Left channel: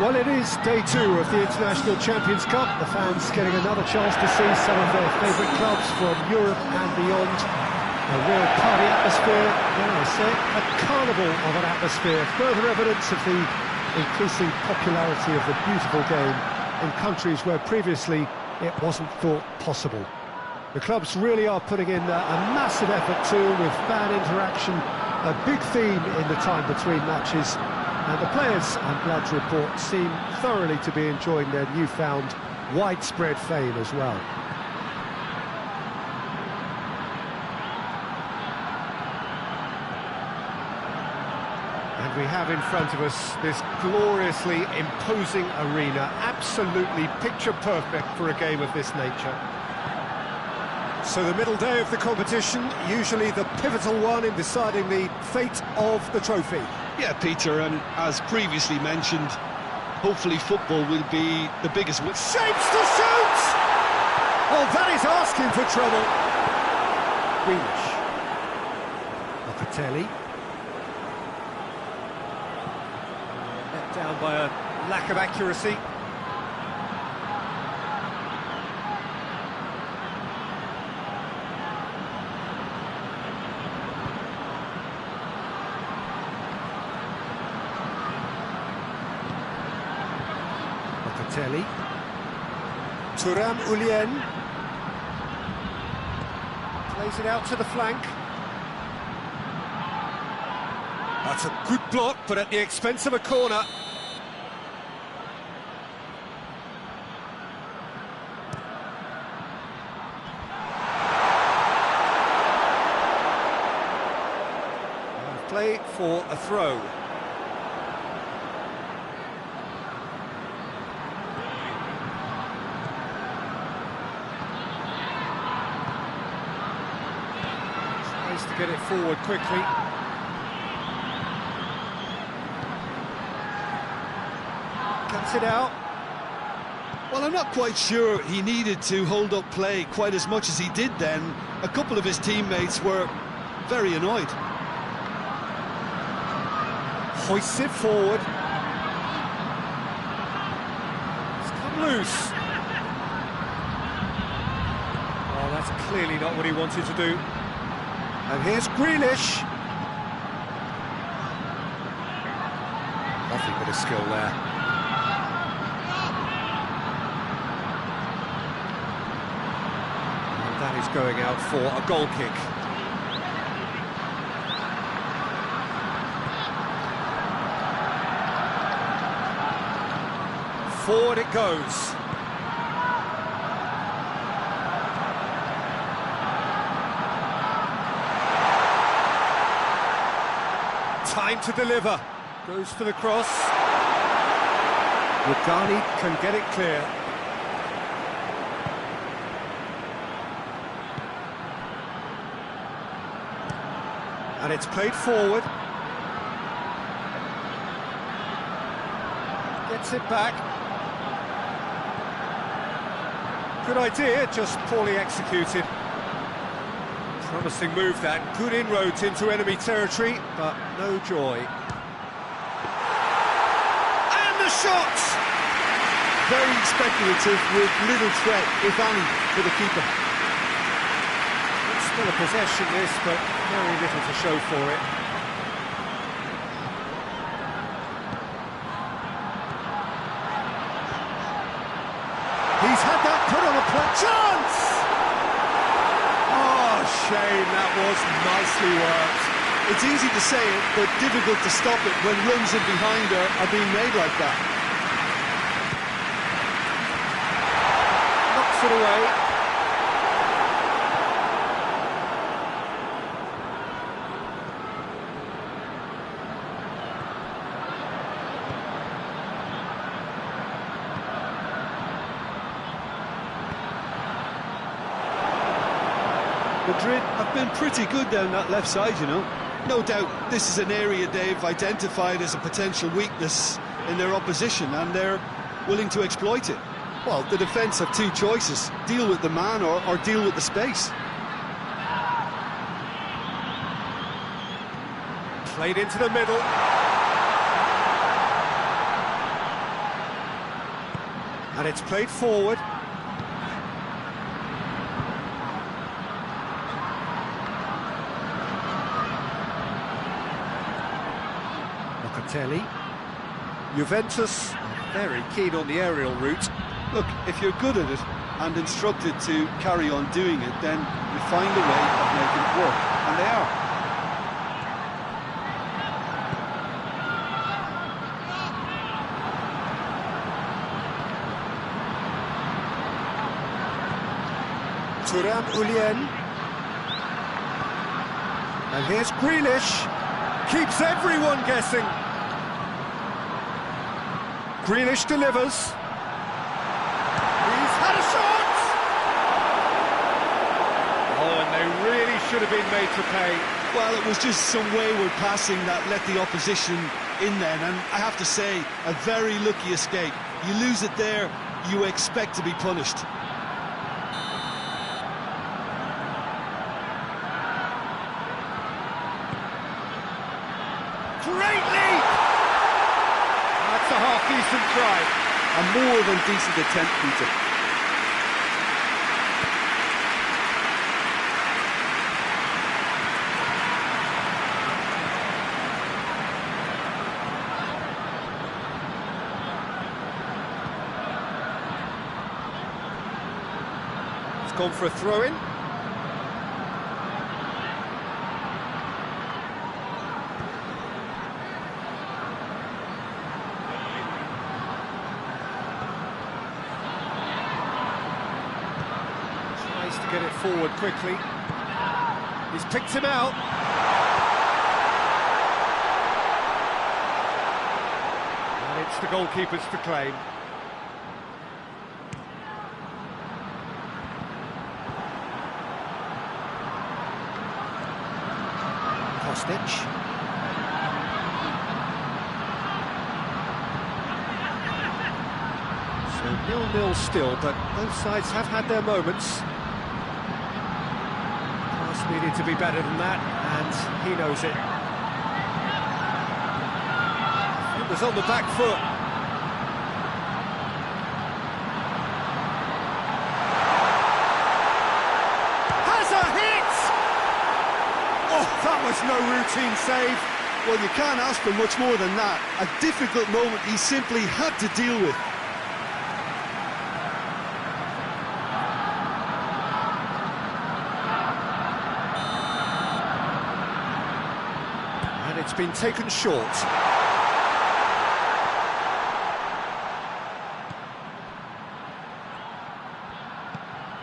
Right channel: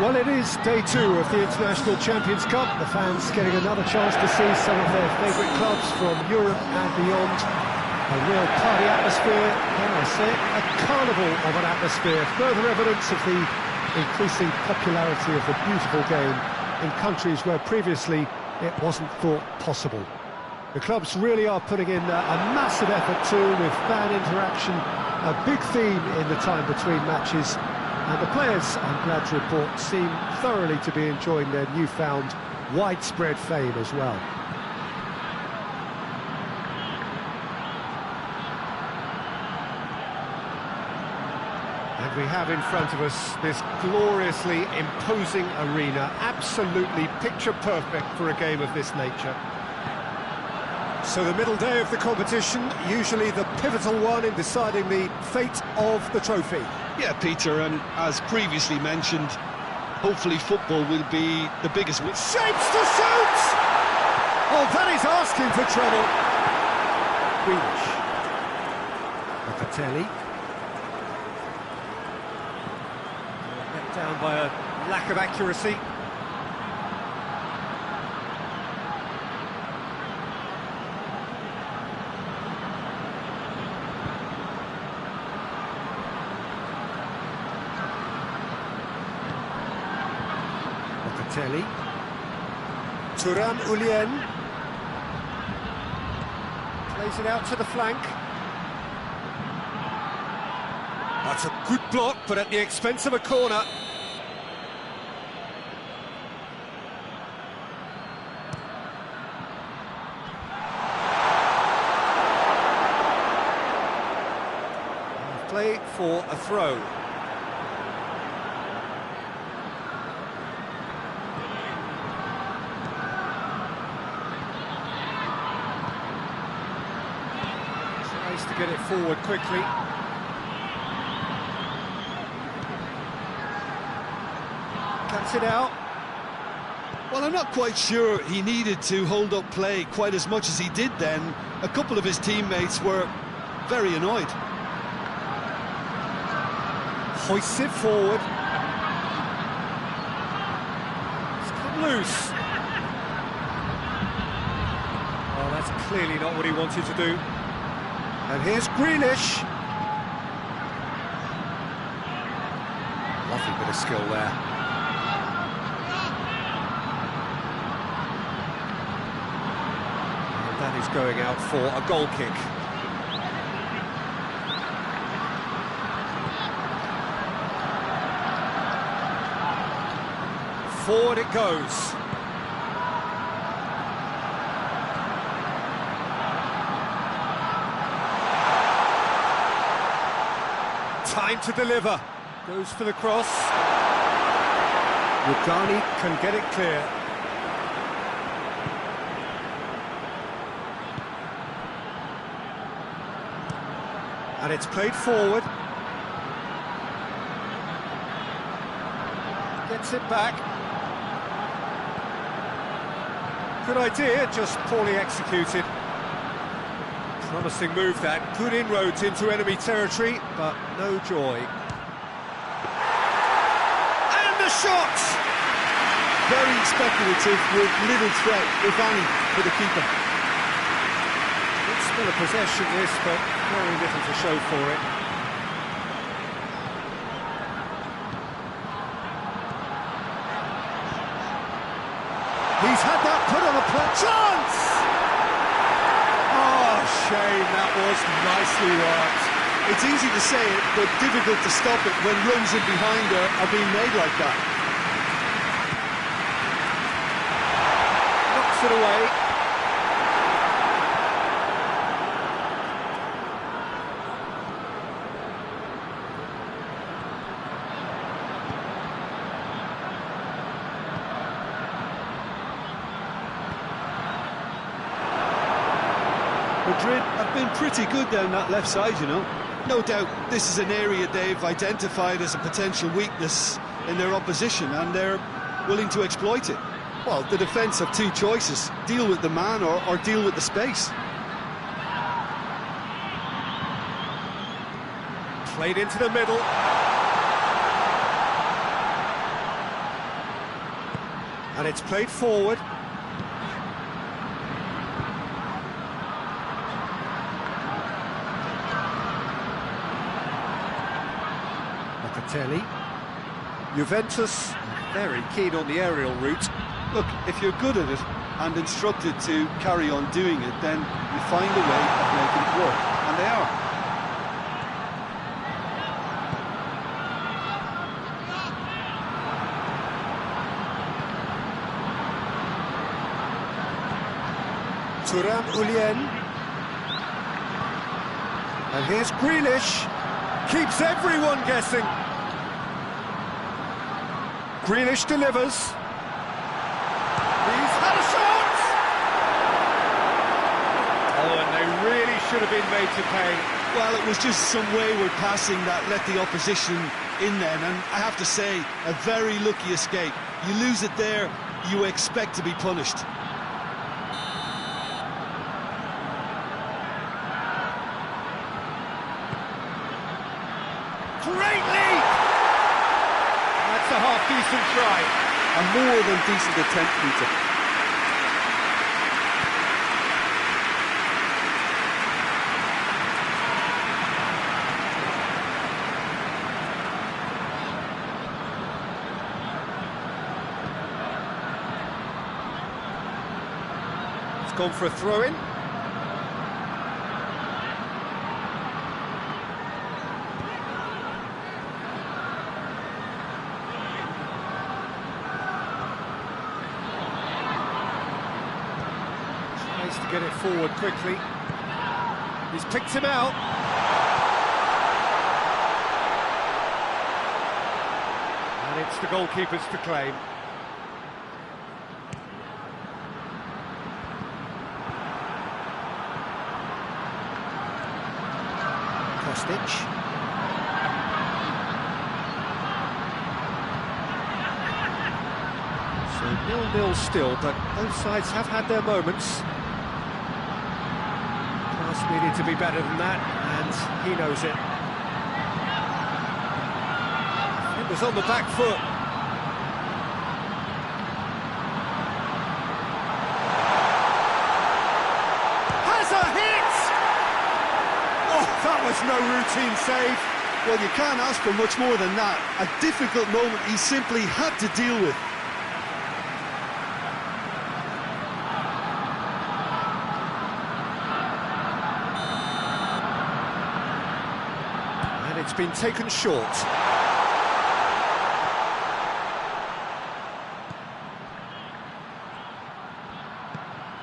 Well, it is day 2 of the International Champions Cup. The fans getting another chance to see some of their favourite clubs from Europe and beyond. A real party atmosphere, dare I say, a carnival of an atmosphere. Further evidence of the increasing popularity of the beautiful game in countries where previously it wasn't thought possible. The clubs really are putting in a massive effort too, with fan interaction, a big theme in the time between matches. And the players, I'm glad to report, seem thoroughly to be enjoying their newfound widespread fame as well. And we have in front of us this gloriously imposing arena, absolutely picture perfect for a game of this nature. So the middle day of the competition, usually the pivotal one in deciding the fate of the trophy. Yeah, Peter, and as previously mentioned, hopefully football will be the biggest win. Shapes to shoot! Oh, that is asking for trouble. Greenish. Locatelli. Let down by a lack of accuracy. Locatelli. Thuram Ulien. Plays it out to the flank. That's a good block, but at the expense of a corner. Play for a throw. Tries to get it forward quickly. Cuts it out. Well, I'm not quite sure he needed to hold up play quite as much as he did then. A couple of his teammates were very annoyed. Hoists it forward. It's come loose. Oh, that's clearly not what he wanted to do. And here's Grealish. Lovely bit of skill there. And that is going out for a goal kick. Forward it goes. Time to deliver. Goes for the cross. Rugani can get it clear. And it's played forward. Gets it back. Good idea, just poorly executed. Promising move that, good inroads into enemy territory, but no joy. And the shot! Very speculative with little threat, if any, for the keeper. It's still a possession this, but very little to show for it. He's had that put on a play. Chance! Oh, shame, that was nicely worked. It's easy to say it, but difficult to stop it when runs in behind are being made like that. Knocks it away. Madrid have been pretty good down that left side, you know. No doubt this is an area they've identified as a potential weakness in their opposition, and they're willing to exploit it. Well, the defence have two choices: deal with the man or deal with the space. Played into the middle. And it's played forward. Locatelli. Juventus are very keen on the aerial route. Look, if you're good at it and instructed to carry on doing it, then you find a way of making it work, and they are. Thuram Ulien. And here's Grealish. Keeps everyone guessing. Grealish delivers. He's had a shot! Oh, and they really should have been made to pay. Well, it was just some wayward passing that let the opposition in then, and I have to say, a very lucky escape. You lose it there, you expect to be punished. Great leap! That's a half-decent try. A more than decent attempt, Peter. It's gone for a throw-in. Tries to get it forward quickly. He's picked him out. And it's the goalkeeper's to claim. Kostic. So 0-0 still, but both sides have had their moments. Pass needed to be better than that, and he knows it. It was on the back foot. Has a hit! Oh, that was no routine save. Well, you can't ask for much more than that. A difficult moment he simply had to deal with. And it's been taken short.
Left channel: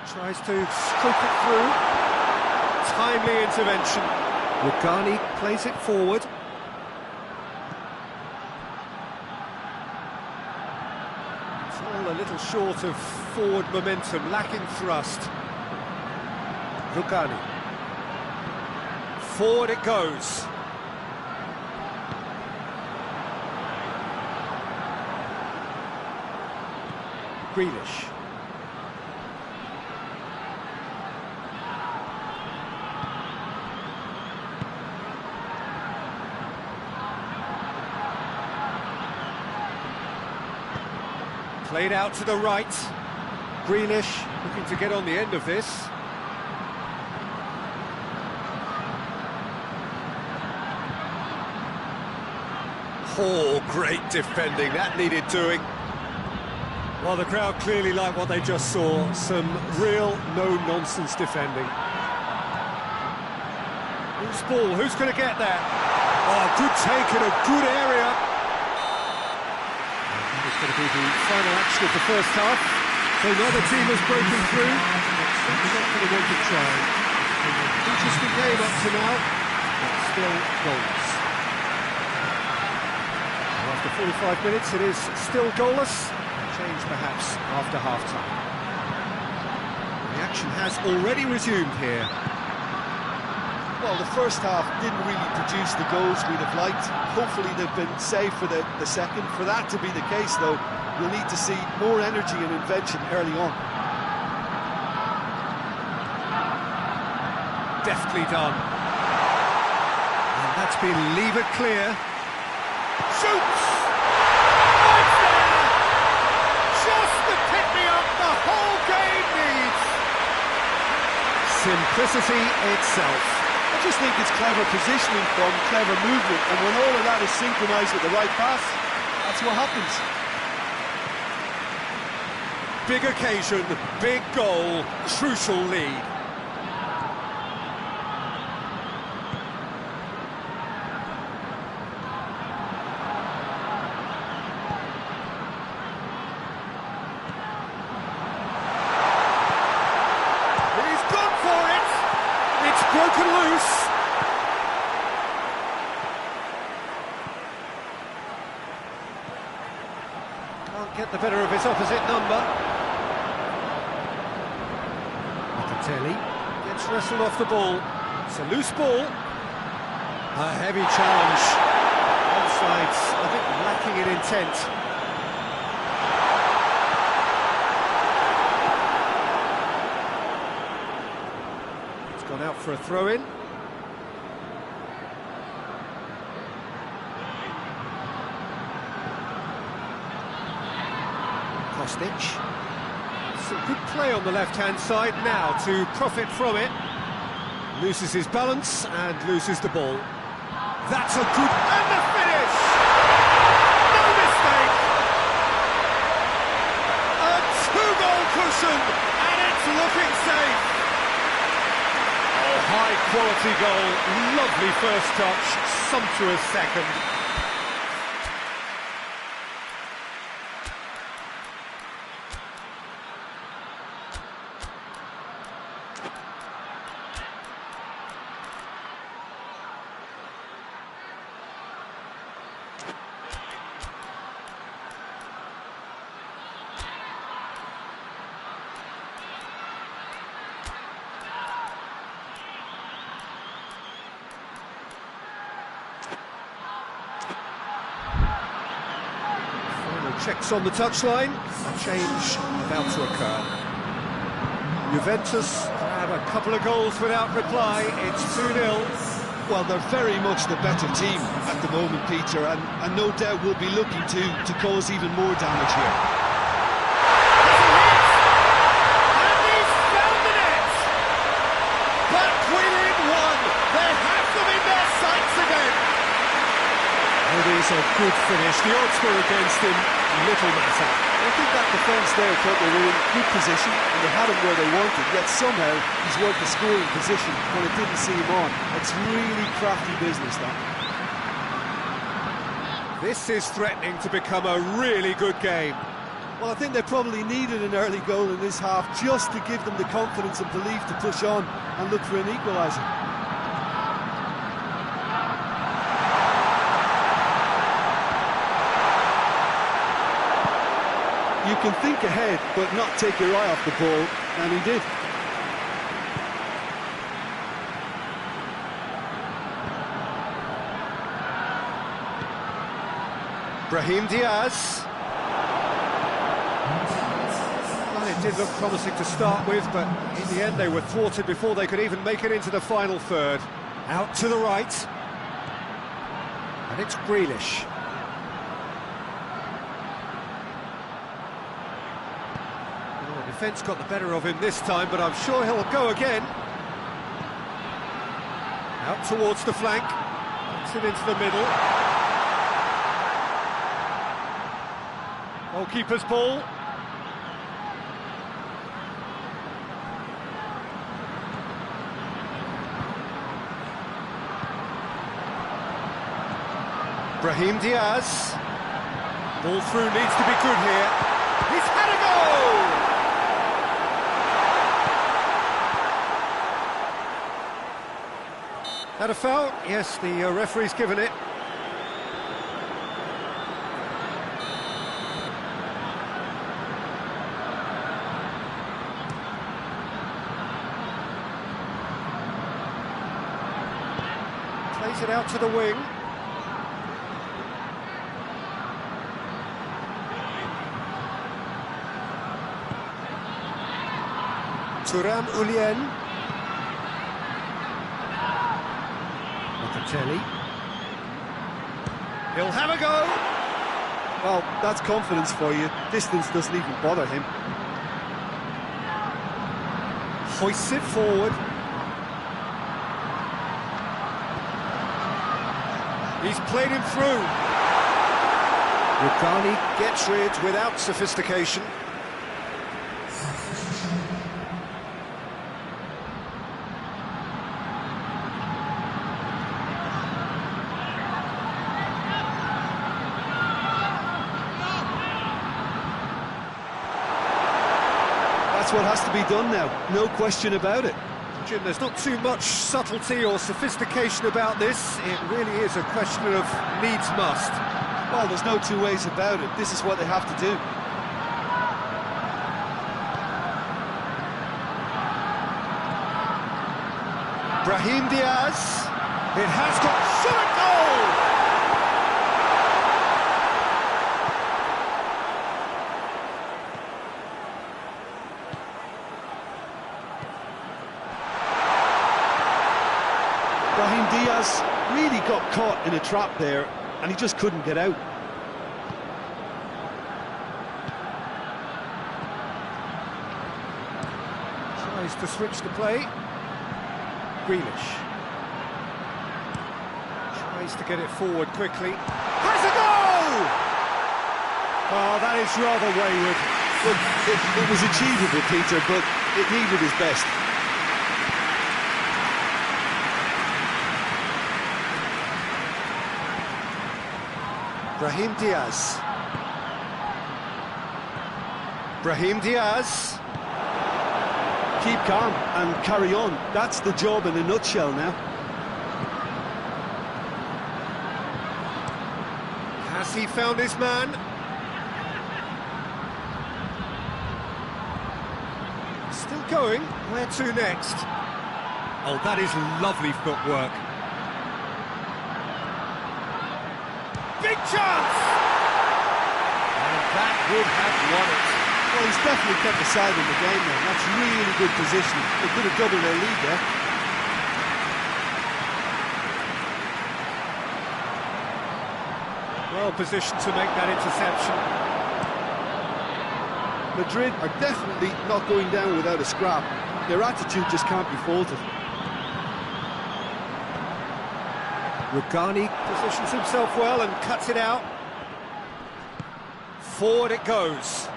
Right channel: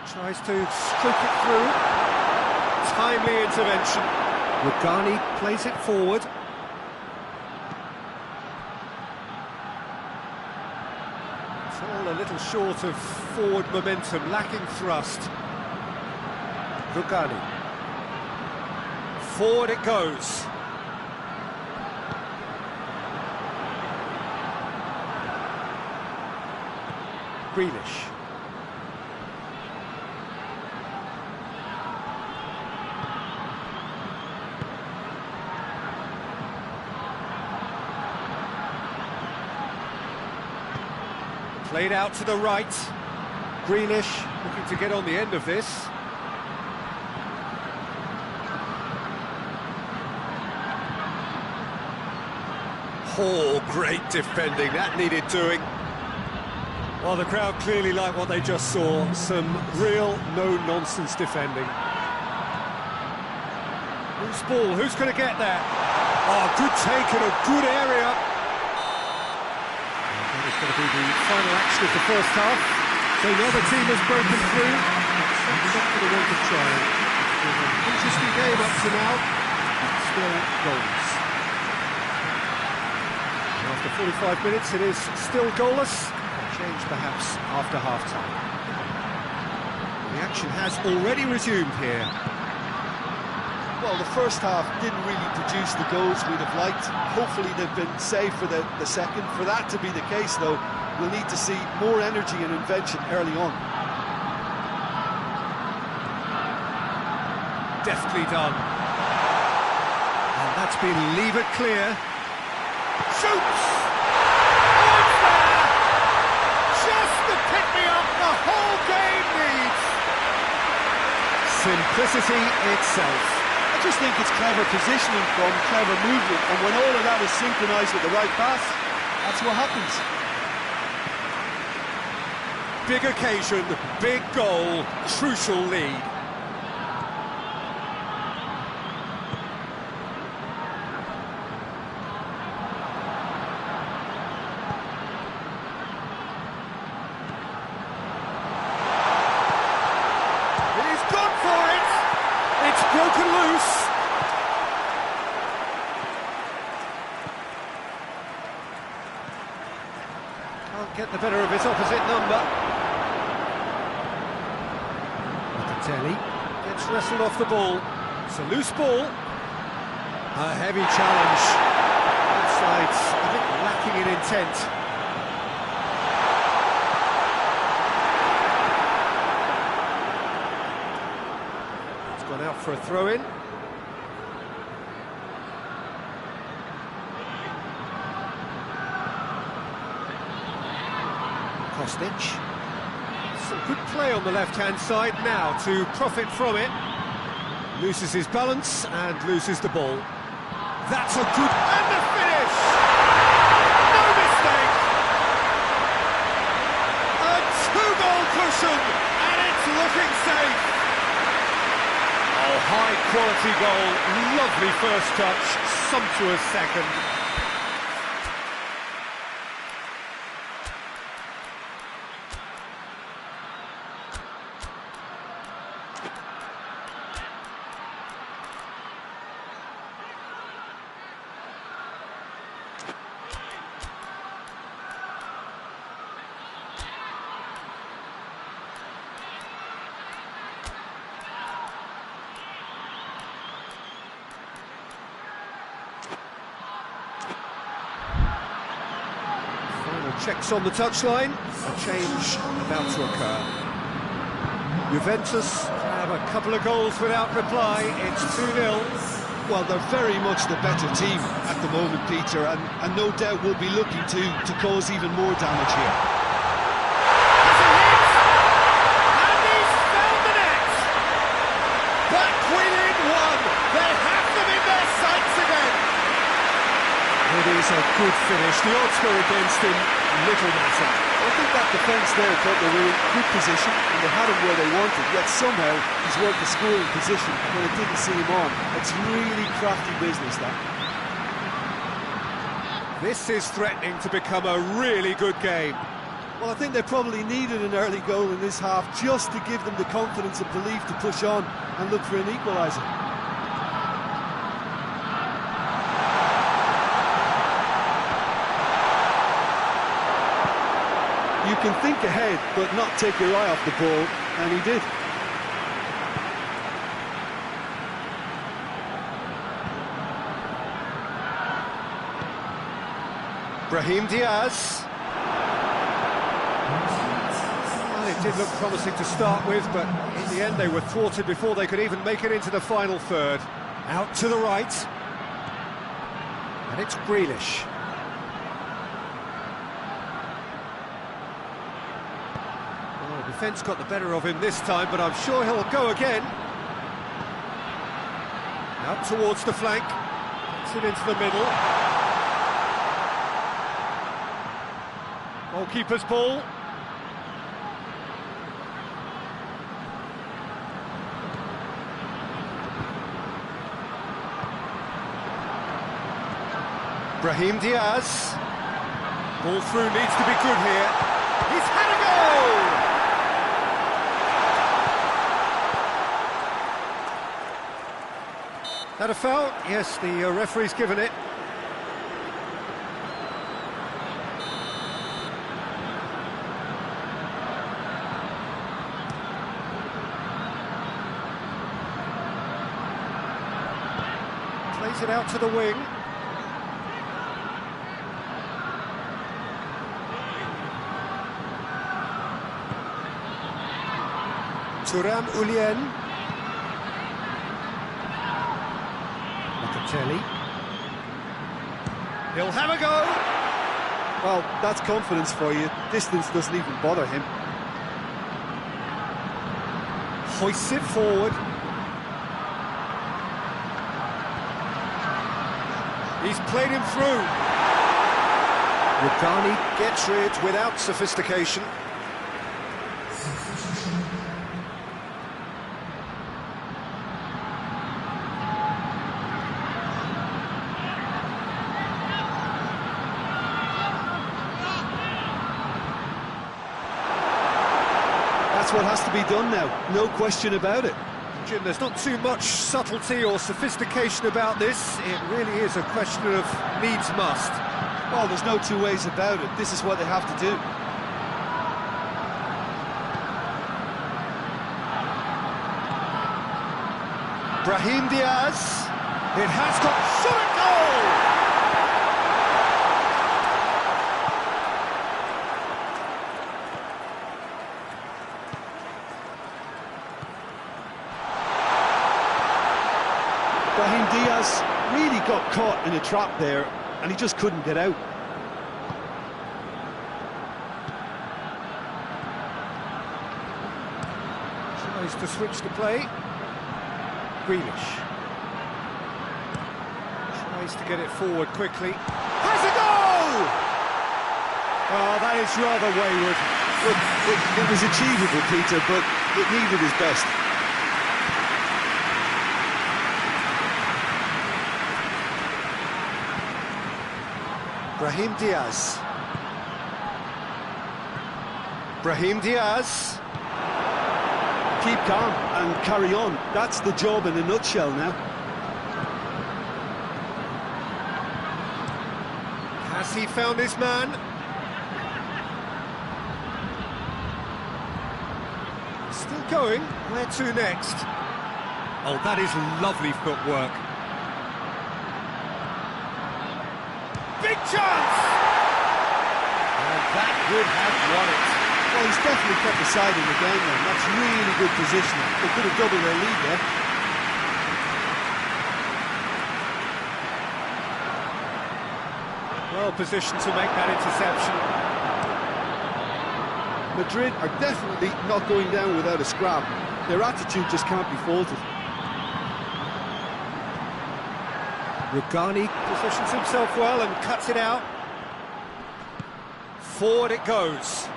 Tries to scoop it through. Timely intervention. Rugani plays it forward. It's all a little short of forward momentum, lacking thrust. Rugani. Forward it goes. Grealish. Played out to the right. Grealish looking to get on the end of this. Oh, great defending. That needed doing. Well, the crowd clearly like what they just saw. Some real no-nonsense defending. Loose ball. Who's going to get there? Oh, good take in a good area. That is going to be the final action of the first half. So neither team has broken through, but certainly not for the want of trying. It's been an interesting game up to now, but still goals. And after 45 minutes, it is still goalless. A change perhaps after half-time. The action has already resumed here. Well, the first half didn't really produce the goals we'd have liked. Hopefully they've been saved for the second. For that to be the case, though, we'll need to see more energy and invention early on. Deftly done. And that's been levered clear. Shoots! Oh, it's there! Just the pick me up the whole game needs. Simplicity itself. I just think it's clever positioning from clever movement, and when all of that is synchronised with the right pass, that's what happens. Big occasion, big goal, crucial lead. He's gone for it! It's broken loose. Can't get the better of his opposite number. Locatelli gets wrestled off the ball. It's a loose ball. A heavy challenge. Both sides a bit lacking in intent. It's gone out for a throw-in. Kostic. Some good play on the left-hand side now to profit from it. Loses his balance and loses the ball. That's a good... and the finish! No mistake! A two-goal cushion, and it's looking safe! Oh, high-quality goal, lovely first touch, sumptuous second. Checks on the touchline, a change about to occur. Juventus grab a couple of goals without reply, it's 2-0. Well, they're very much the better team at the moment, Peter, and no doubt will be looking to cause even more damage here. There's a hit! And he's found the net! Back within one! They have them in their sights again! It is a good finish, the odds were against him, little matter. I think that defence there thought they were in good position and they had him where they wanted, yet somehow he's worked the scoring position when it didn't see him on. It's really crafty business, that. This is threatening to become a really good game. Well, I think they probably needed an early goal in this half just to give them the confidence and belief to push on and look for an equaliser. You can think ahead, but not take your eye off the ball, and he did. Brahim Diaz. Well, it did look promising to start with, but in the end they were thwarted before they could even make it into the final third. Out to the right. And it's Grealish. Well, the defence got the better of him this time, but I'm sure he'll go again. Out towards the flank. Gets it into the middle. Goalkeeper's ball. Brahim Diaz. Ball through needs to be good here. He's had a go! Had a foul? Yes, the referee's given it. Plays it out to the wing. Thuram Ulien. Locatelli. He'll have a go. Well, that's confidence for you. Distance doesn't even bother him. Hoists it forward. He's played him through. Rugani gets rid without sophistication. That's what has to be done now, no question about it. Jim, there's not too much subtlety or sophistication about this. It really is a question of needs must. Well, there's no two ways about it. This is what they have to do. Brahim Diaz. It has got shot at goal! Brahim Diaz really got caught in a trap there, and he just couldn't get out. Tries to switch the play. Grealish. Tries to get it forward quickly. Has a goal! Oh, that is rather wayward. Look, it was achievable, Peter, but it needed his best. Brahim Diaz. Brahim Diaz. Keep calm and carry on. That's the job in a nutshell now. Has he found his man? Still going. Where to next? Oh, that is lovely footwork. Big chance! And that would have won it. Well, he's definitely kept the side in the game now. That's really good positioning. They could have doubled their lead there. Well positioned to make that interception. Madrid are definitely not going down without a scrap. Their attitude just can't be faulted. Rugani positions himself well and cuts it out. Forward it goes.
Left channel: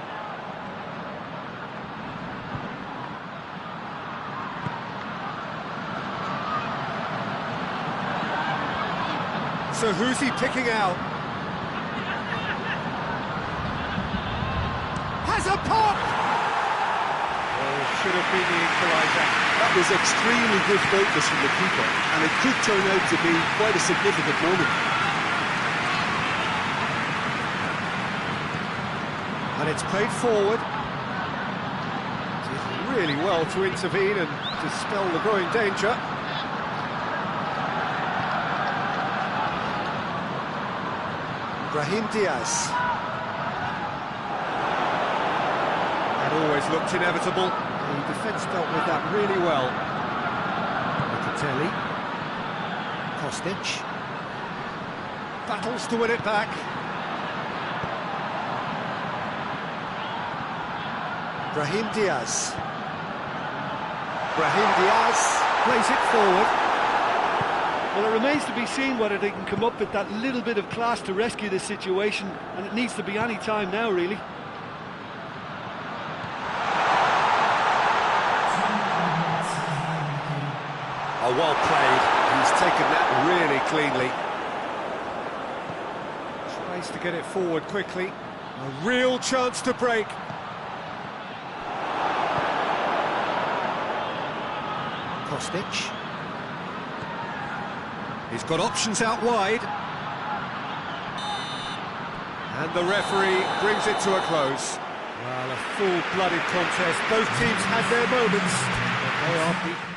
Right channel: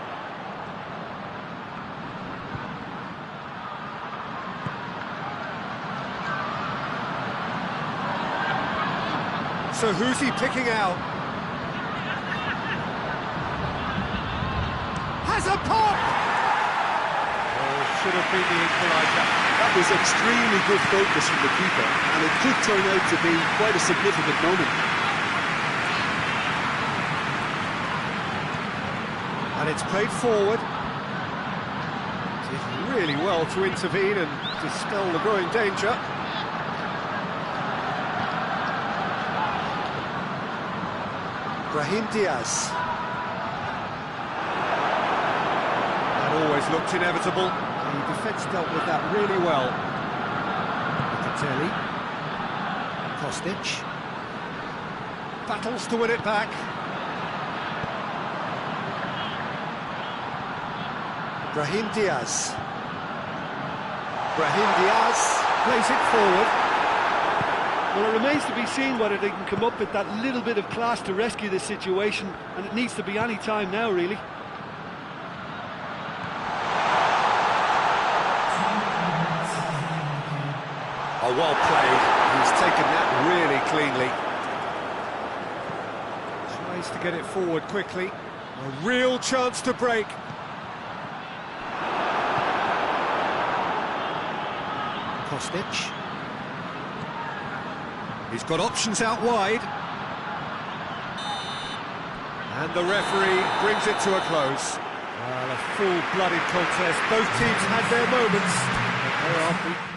So who's he picking out? Has a pop! Oh, should have been the equaliser. That was extremely good focus from the keeper, and it could turn out to be quite a significant moment. And it's played forward. Did really well to intervene and dispel the growing danger. Brahim Diaz. That always looked inevitable. The defence dealt with that really well. Locatelli. Kostic. Battles to win it back. Brahim Diaz. Brahim Diaz plays it forward. Well, it remains to be seen whether they can come up with that little bit of class to rescue this situation, and it needs to be any time now, really. Oh, well played. He's taken that really cleanly. Tries to get it forward quickly. A real chance to break. Kostic. He's got options out wide. And the referee brings it to a close. Well, a full-blooded contest. Both teams had their moments, but they are beaten.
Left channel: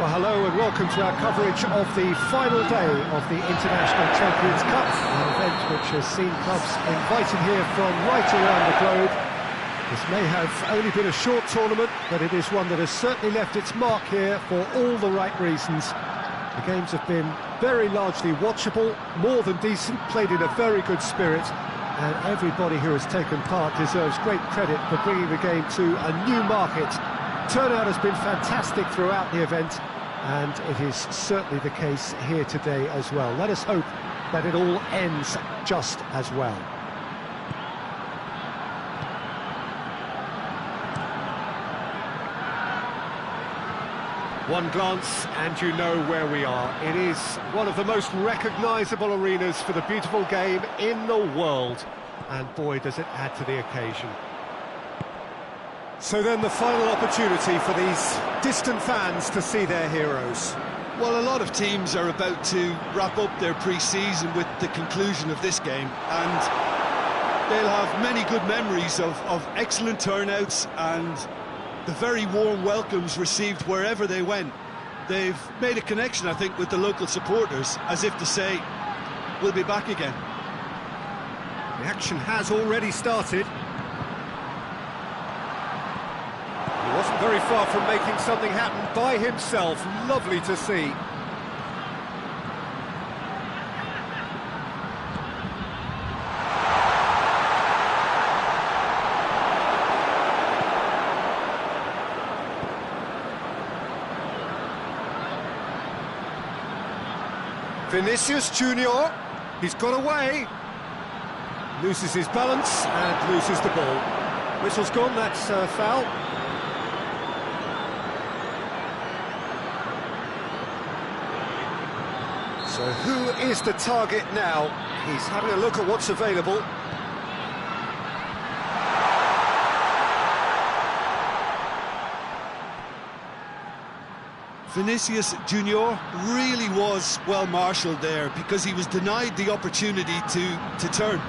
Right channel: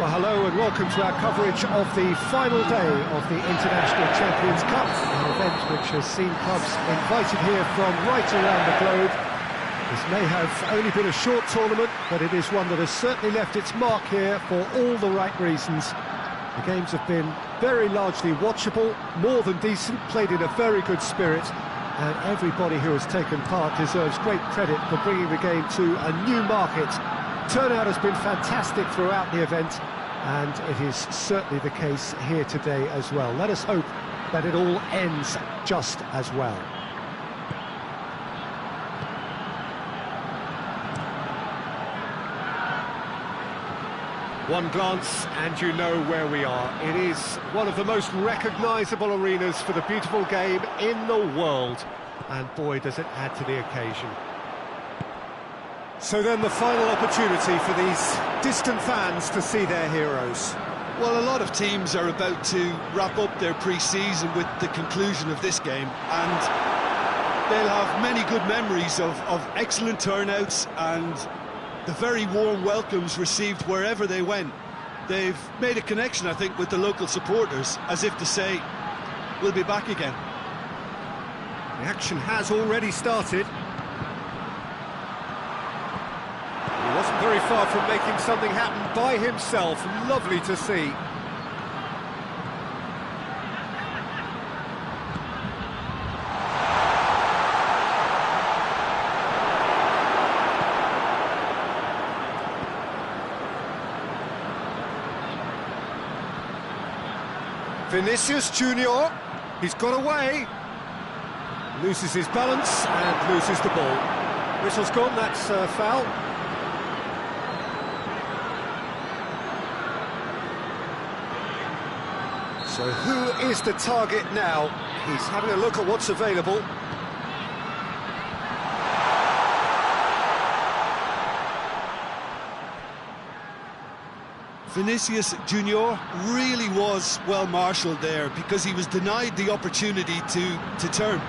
Well, hello and welcome to our coverage of the final day of the International Champions Cup, an event which has seen clubs invited here from right around the globe. This may have only been a short tournament, but it is one that has certainly left its mark here for all the right reasons. The games have been very largely watchable, more than decent, played in a very good spirit, and everybody who has taken part deserves great credit for bringing the game to a new market. Turnout has been fantastic throughout the event, and it is certainly the case here today as well. Let us hope that it all ends just as well. One glance and you know where we are. It is one of the most recognisable arenas for the beautiful game in the world, and boy does it add to the occasion. So then the final opportunity for these distant fans to see their heroes. Well, a lot of teams are about to wrap up their pre-season with the conclusion of this game, and they'll have many good memories of excellent turnouts and the very warm welcomes received wherever they went. They've made a connection, I think, with the local supporters, as if to say, we'll be back again. The action has already started. He wasn't very far from making something happen by himself. Lovely to see. Vinicius Junior, he's got away. Loses his balance and loses the ball. Whistle's gone, that's foul. So who is the target now? He's having a look at what's available. Vinicius Junior really was well marshalled there, because he was denied the opportunity to turn.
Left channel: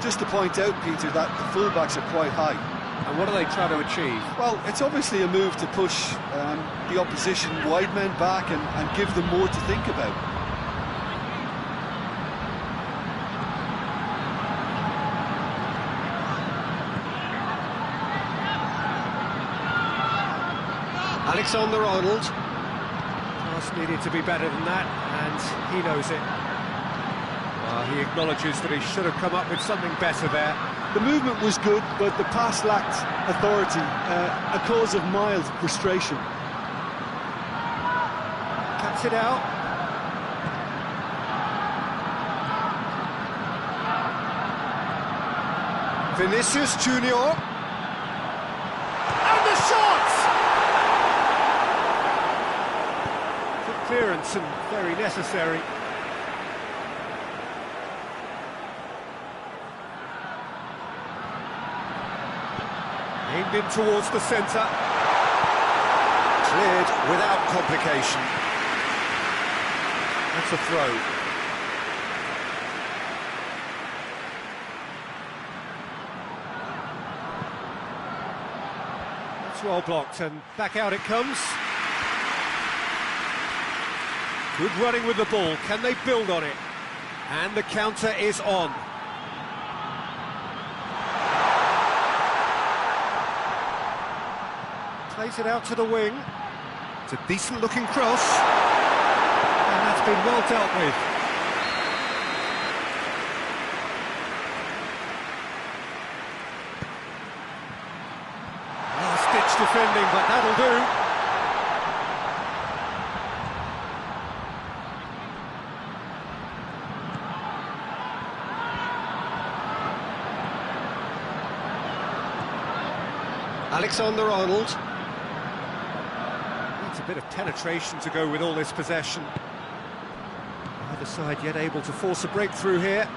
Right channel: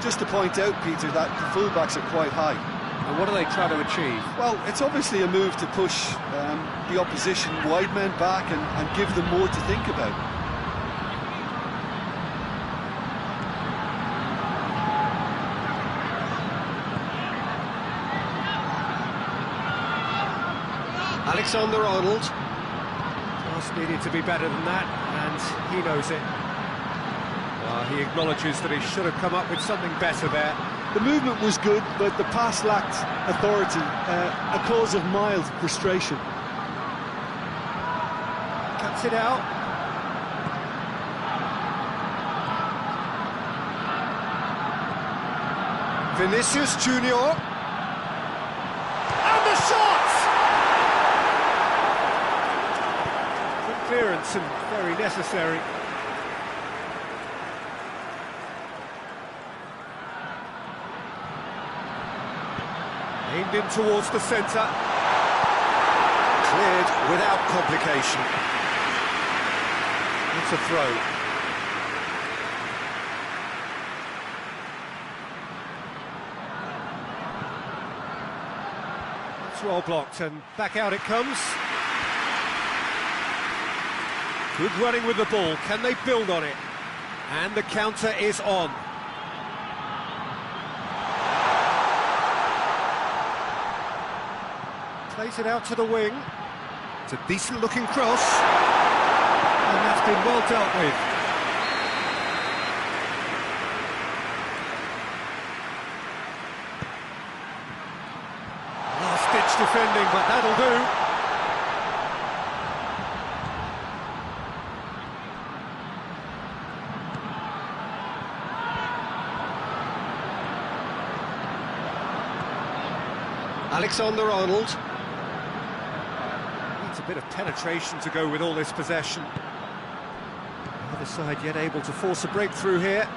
Just to point out, Peter, that the fullbacks are quite high. And what are they trying to achieve? Well, it's obviously a move to push the opposition wide men back and give them more to think about. Alexander-Arnold. Task needed to be better than that, and he knows it. Well, he acknowledges that he should have come up with something better there. The movement was good, but the pass lacked authority, a cause of mild frustration. Cuts it out. Vinicius Junior. And the shot! Good clearance and very necessary. Aimed in towards the centre. Cleared without complication. That's a throw. That's well blocked, and back out it comes. Good running with the ball. Can they build on it? And the counter is on. Plays it out to the wing. It's a decent-looking cross. And that's been well dealt with. Last-ditch defending, but that'll do. Alexander-Arnold. Needs a bit of penetration to go with all this possession. The other side yet able to force a breakthrough here.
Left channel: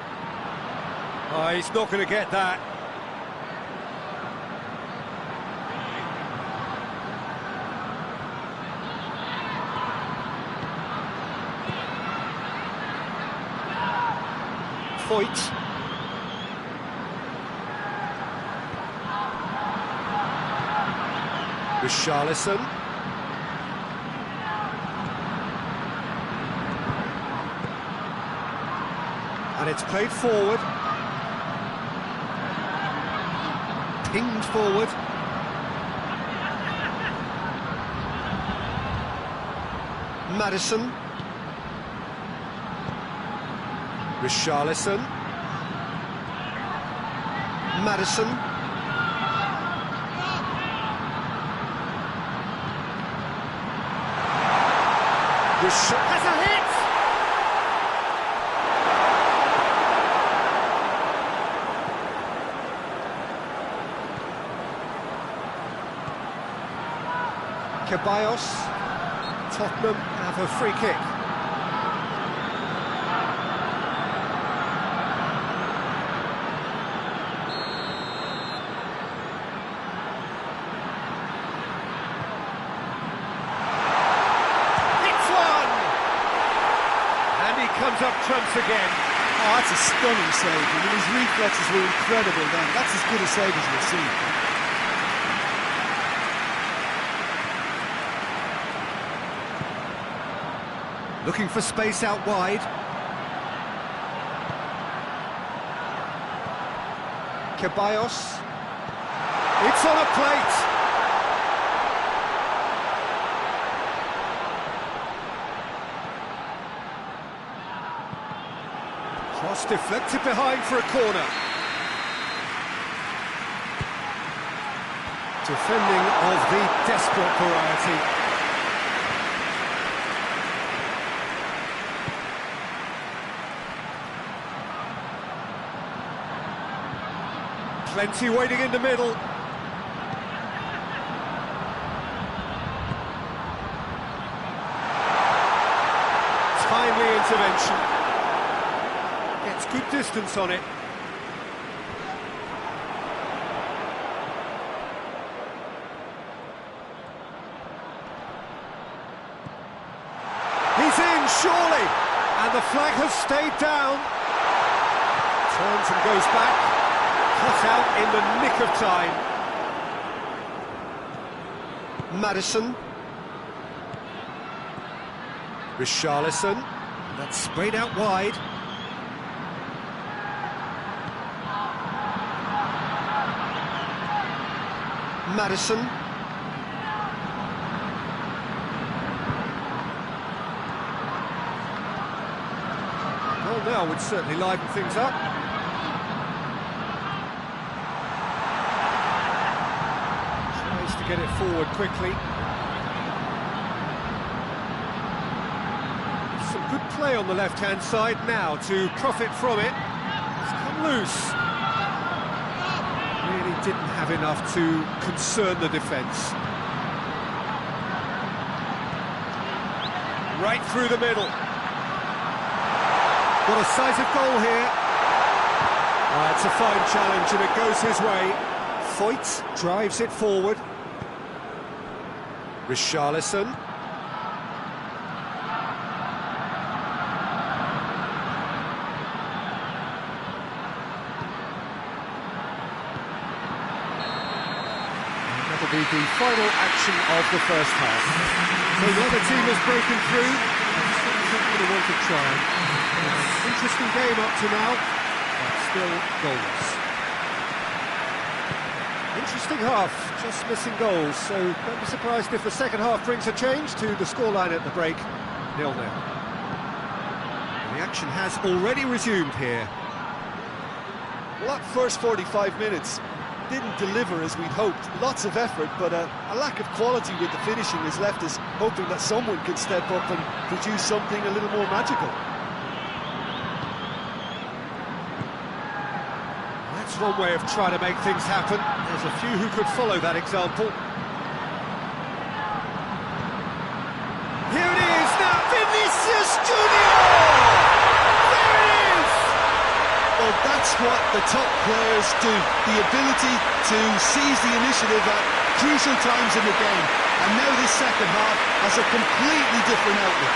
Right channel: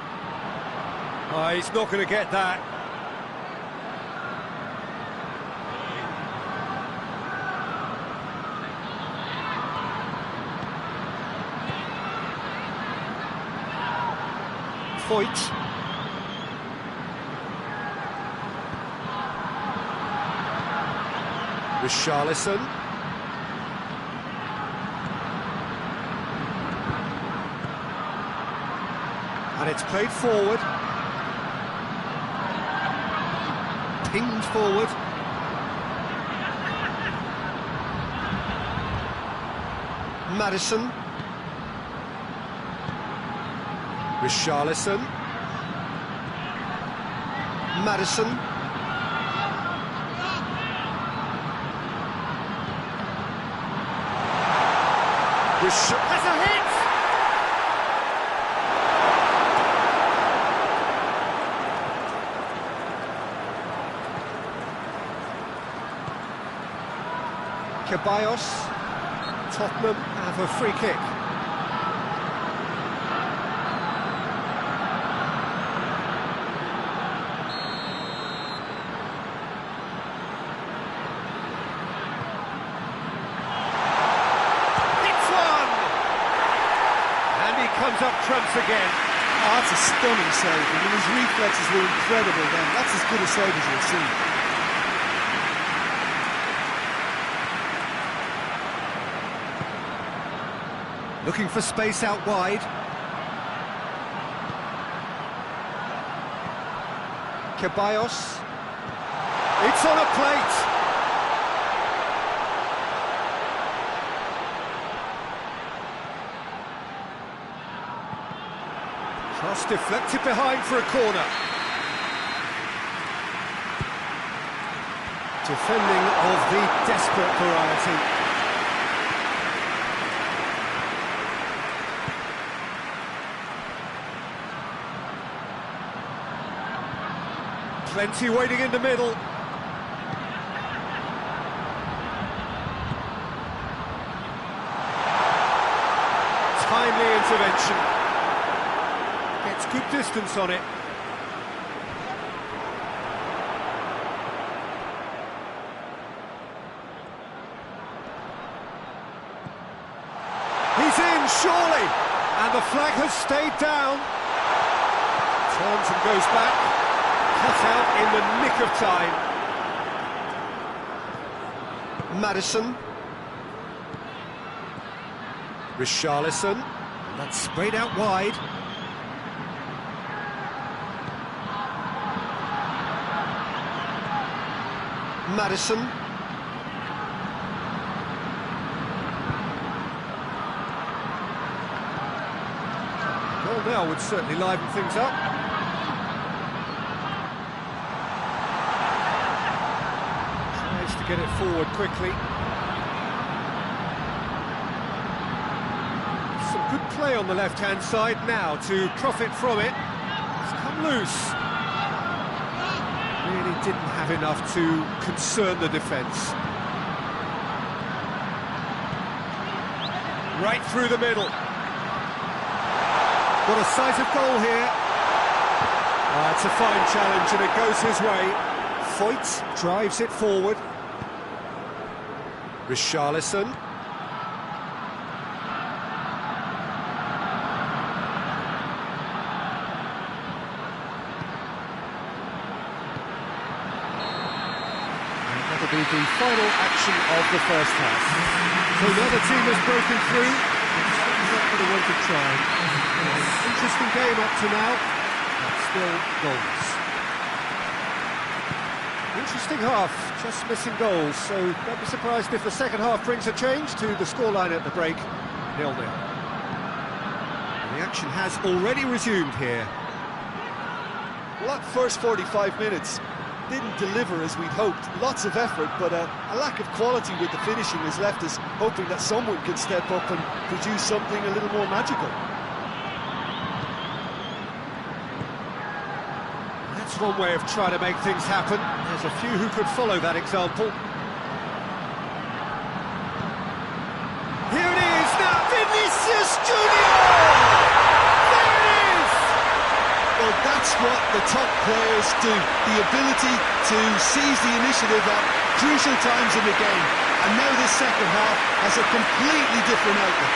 Oh, he's not going to get that. Foyt. Richarlison. And it's played forward. Pinged forward. Maddison. Richarlison. Maddison. Has a hit! Ceballos. Tottenham have a free kick. And he comes up trumps again. Oh, that's a stunning save. I mean, his reflexes were incredible then. That's as good a save as we'll see. Looking for space out wide. Ceballos. It's on a plate. Cross deflected behind for a corner. Defending of the desperate variety. Plenty waiting in the middle. Timely intervention. Gets good distance on it. He's in, surely! And the flag has stayed down. Turns and goes back. Cut out in the nick of time. Maddison. Richarlison. And that's sprayed out wide. Maddison. Goal now would certainly liven things up. Tries to get it forward quickly. Some good play on the left-hand side now to profit from it. It's come loose. Really didn't have enough to concern the defence. Right through the middle. Got a sight of goal here. It's a fine challenge and it goes his way. Foyt drives it forward. Richarlison. That'll be the final action of the first half. So another team has broken through, but certainly not going to want to try. Interesting game up to now, but still goalless. Interesting half, just missing goals, so don't be surprised if the second half brings a change to the scoreline at the break, 0-0. And the action has already resumed here. Well, that first 45 minutes didn't deliver as we'd hoped. Lots of effort, but a lack of quality with the finishing has left us hoping that someone can step up and produce something a little more magical. That's one way of trying to make things happen. There's a few who could follow that example. Here it is now, Vinicius Junior! There it is! Well, that's what the top players do. The ability to seize the initiative at crucial times in the game. And now this second half has a completely different outlook.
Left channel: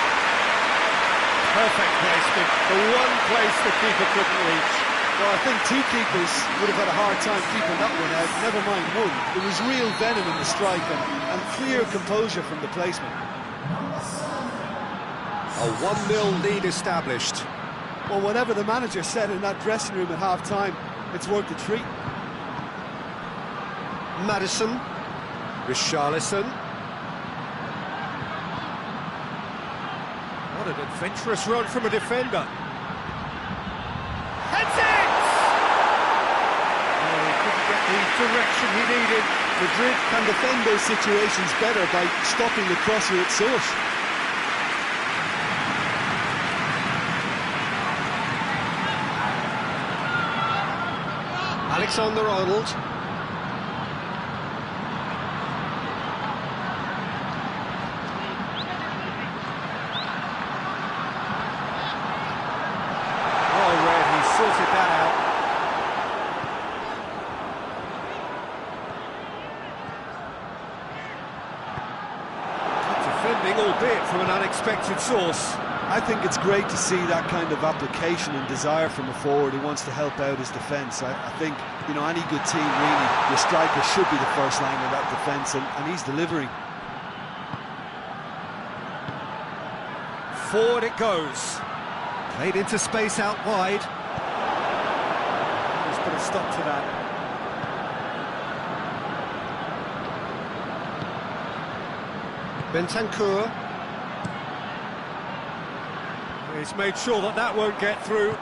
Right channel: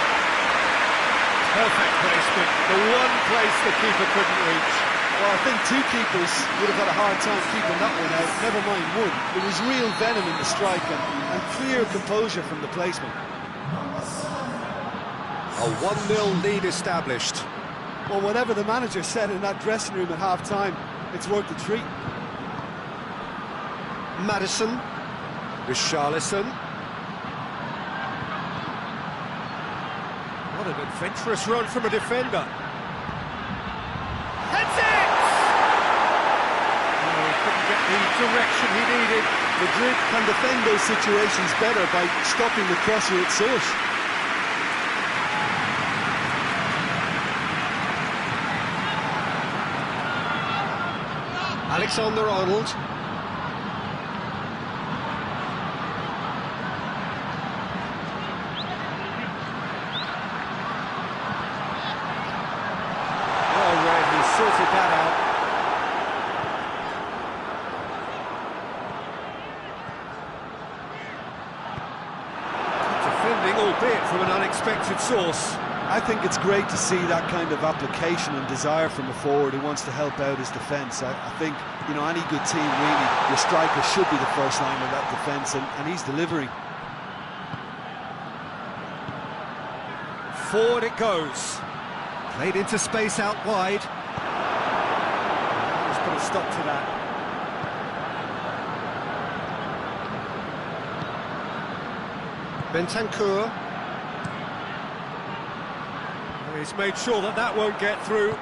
Perfect placement. The one place the keeper couldn't reach. Well, I think two keepers would have had a hard time keeping that one out, never mind one. There was real venom in the strike and clear composure from the placement. A 1-0 lead established. Well, whatever the manager said in that dressing room at half-time, it's worth a treat. Madison. Richarlison. What an adventurous run from a defender. Heads it! Oh, he couldn't get the direction he needed. Madrid can defend those situations better by stopping the crosser at source. Alexander-Arnold. Well read, he sorted that out. Good defending, albeit from an unexpected source. I think it's great to see that kind of application and desire from a forward who wants to help out his defence. I think, you know, any good team, really, your striker should be the first line of that defence, and he's delivering. Forward it goes. Played into space out wide. Just put a stop to that. Bentancur. He's made sure that that won't get through.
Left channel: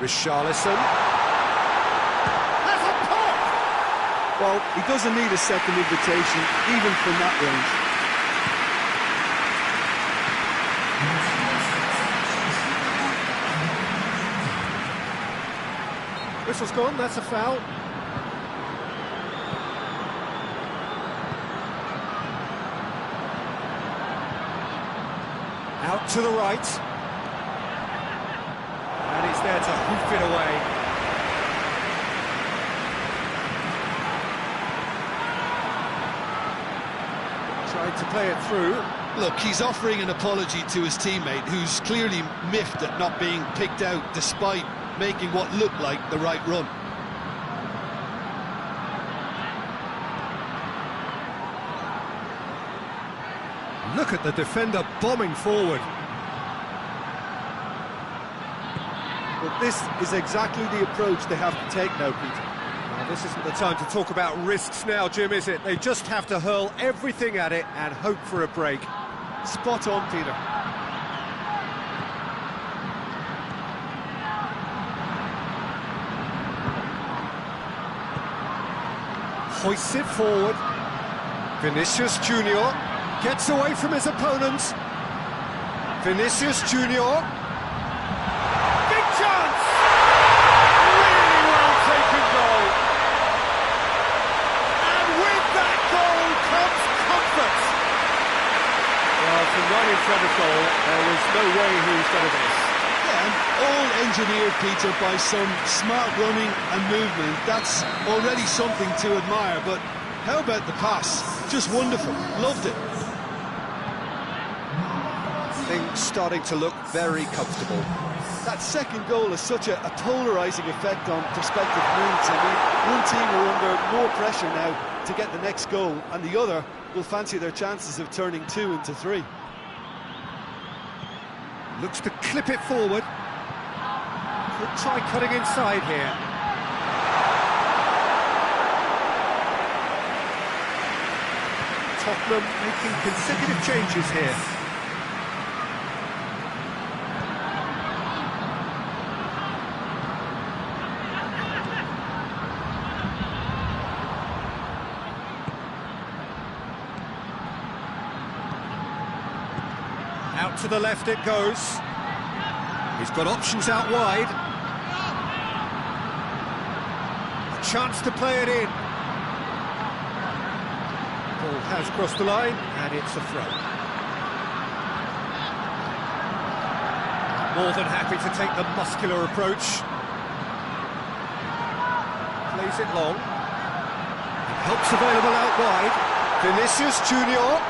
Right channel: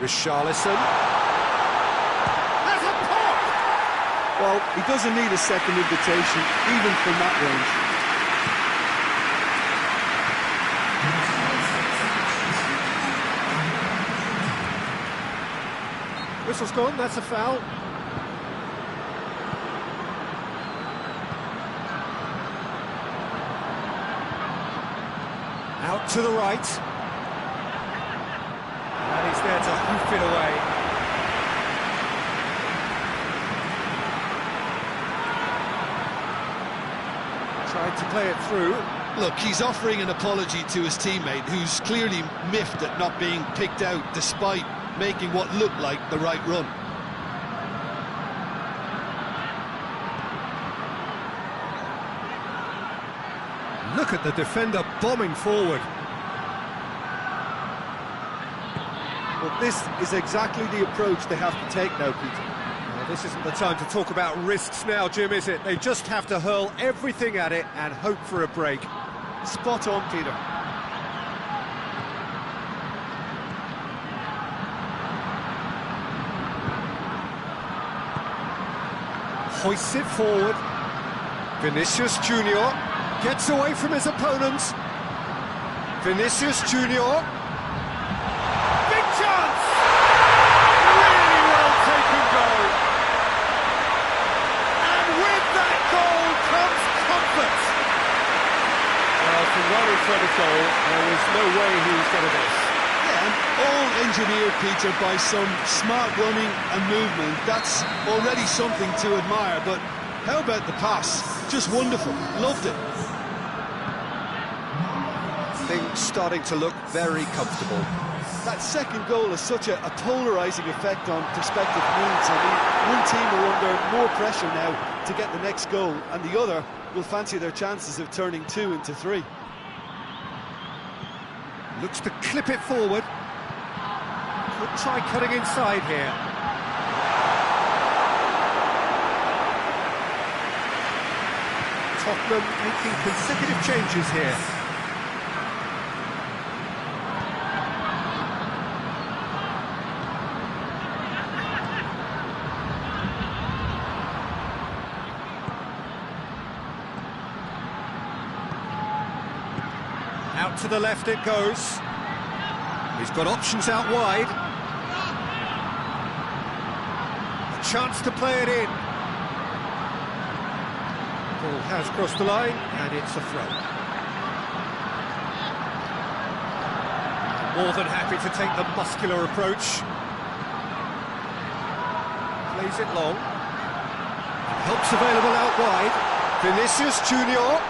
Richarlison. That's a pop! Well, he doesn't need a second invitation, even from that range. Whistle's gone, that's a foul. Out to the right. And he's there to hoof it away. Tried to play it through. Look, he's offering an apology to his teammate, who's clearly miffed at not being picked out despite making what looked like the right run. Look at the defender bombing forward. Well, this is exactly the approach they have to take now, Peter. Well, this isn't the time to talk about risks now, Jim, is it? They just have to hurl everything at it and hope for a break. Spot on, Peter. Hoists it forward. Vinicius Junior gets away from his opponents. Vinicius Junior. Big chance! Really well taken goal. And with that goal comes comfort. Well, from right in front of goal, there was no way he was going to miss. Yeah, and all engineered, Peter, by some smart running and movement. That's already something to admire, but how about the pass? Just wonderful. Loved it. Things starting to look very comfortable. That second goal has such a polarising effect on prospective moods. I mean, one team are under more pressure now to get the next goal, and the other will fancy their chances of turning 2 into 3. Looks to clip it forward. Could try cutting inside here. Tottenham making consecutive changes here. Out to the left it goes. He's got options out wide. A chance to play it in. Ball has crossed the line, and it's a throw. More than happy to take the muscular approach. Plays it long. And help's available out wide. Vinicius Junior.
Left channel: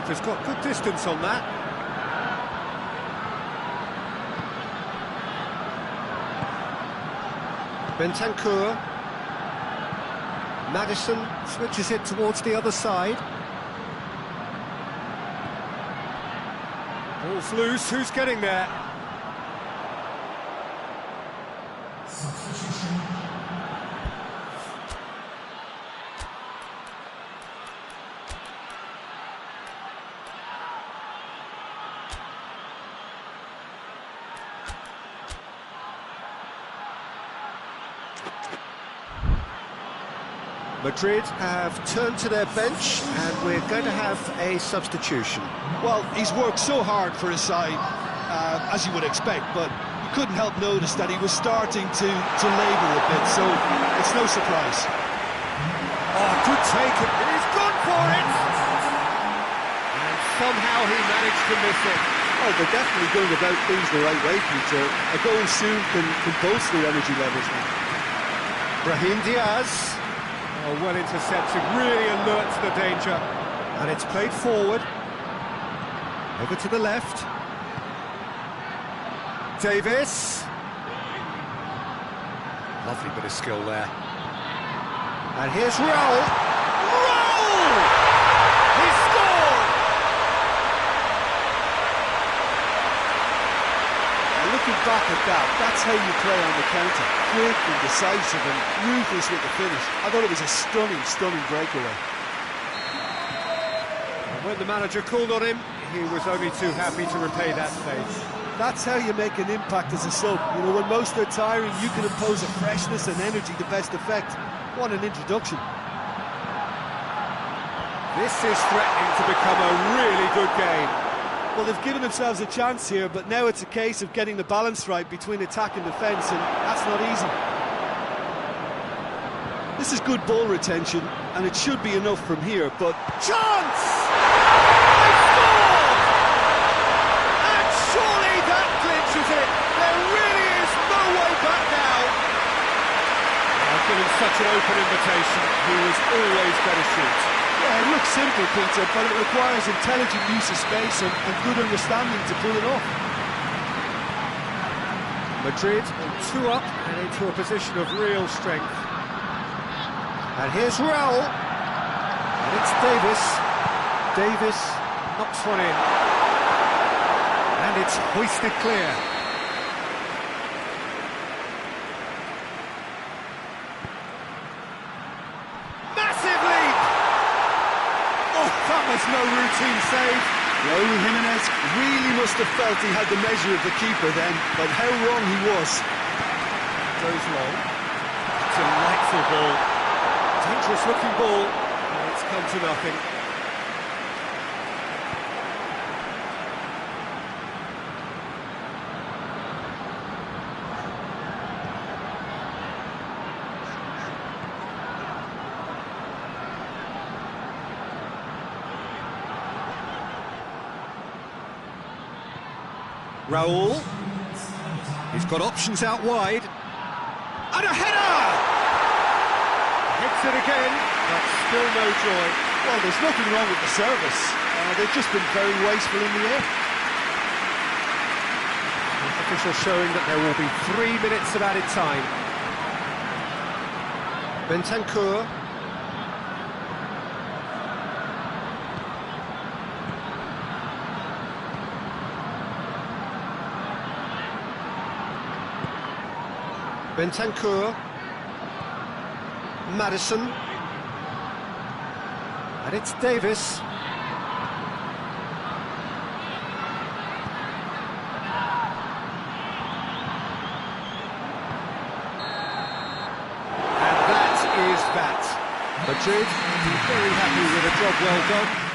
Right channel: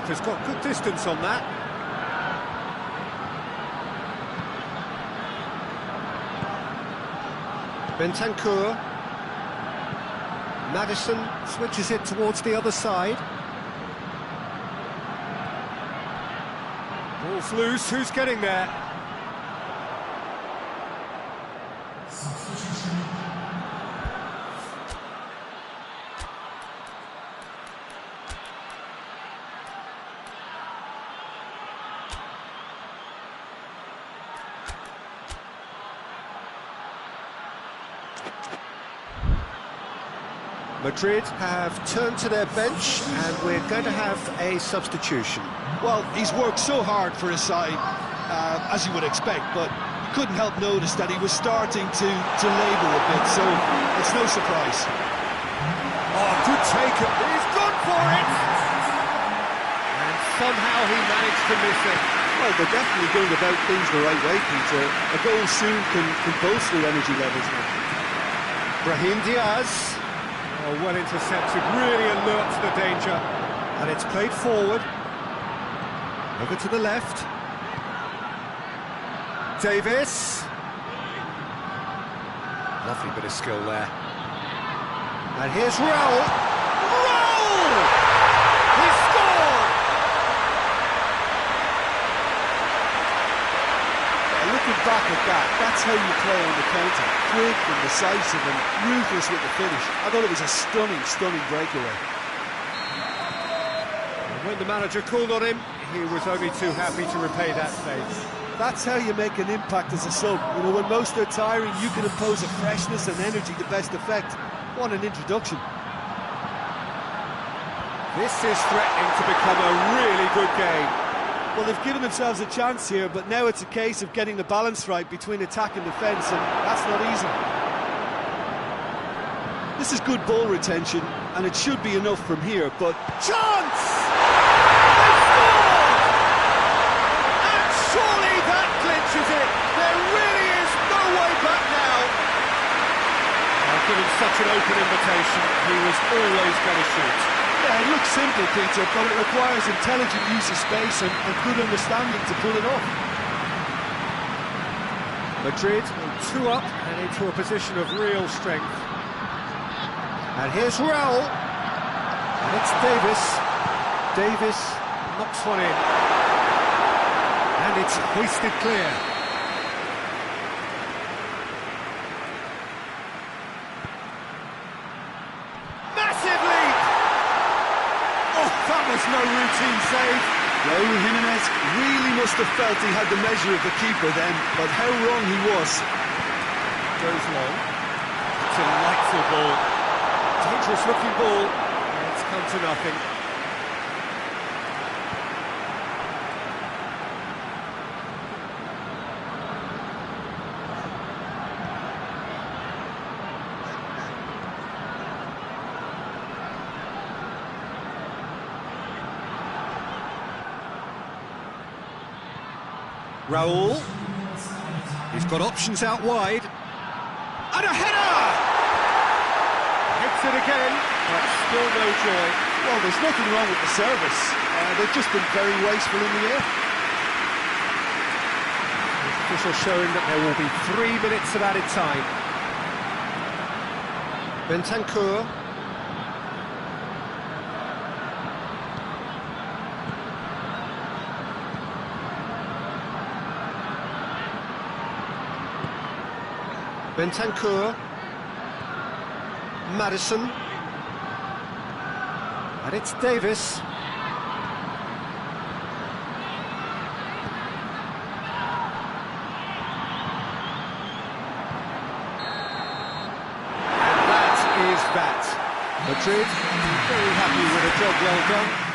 Keeper's got good distance on that. Bentancur. Madison switches it towards the other side. Ball's loose, who's getting there? Madrid have turned to their bench and we're going to have a substitution. Well, he's worked so hard for his side, as you would expect, but you couldn't help notice that he was starting to labour a bit, so it's no surprise. Oh, good take, he's gone for it! And somehow he managed to miss it. Well, they're definitely going about things the right way, Peter. A goal soon can bolster energy levels now. Brahim Diaz. Oh, well intercepted, really alert to the danger. And it's played forward. Over to the left. Davis. Lovely bit of skill there. And here's Raul. Raul! He scored! Yeah, looking back at that, that's how you play on the counter. Quick and decisive and ruthless with the finish. I thought it was a stunning, stunning breakaway. And when the manager called on him, he was only too happy to repay that faith. That's how you make an impact as a sub. You know, when most are tiring, you can impose a freshness and energy to best effect. What an introduction. This is threatening to become a really good game. Well, they've given themselves a chance here, but now it's a case of getting the balance right between attack and defence, and that's not easy. This is good ball retention, and it should be enough from here, but... Chance! They scored! And surely that clinches it. There really is no way back now. Given such an open invitation, he was always going to shoot. Yeah, it looks simple, Peter, but it requires intelligent use of space and good understanding to pull it off. Madrid will 2 up and into a position of real strength. And here's Raul. And it's Davis. Davis knocks one in. And it's hoisted clear. That was no routine save. Raul Jimenez really must have felt he had the measure of the keeper then, but how wrong he was. Goes long. Delightful ball. Dangerous looking ball. And it's come to nothing. Raul, he's got options out wide, and a header! Hits it again, but still no joy. Well, there's nothing wrong with the service. They've just been very wasteful in the air. This official showing that there will be 3 minutes of added time. Bentancur. Bentancur, Madison, and it's Davis. And that is that. Madrid will be very happy with a job well done.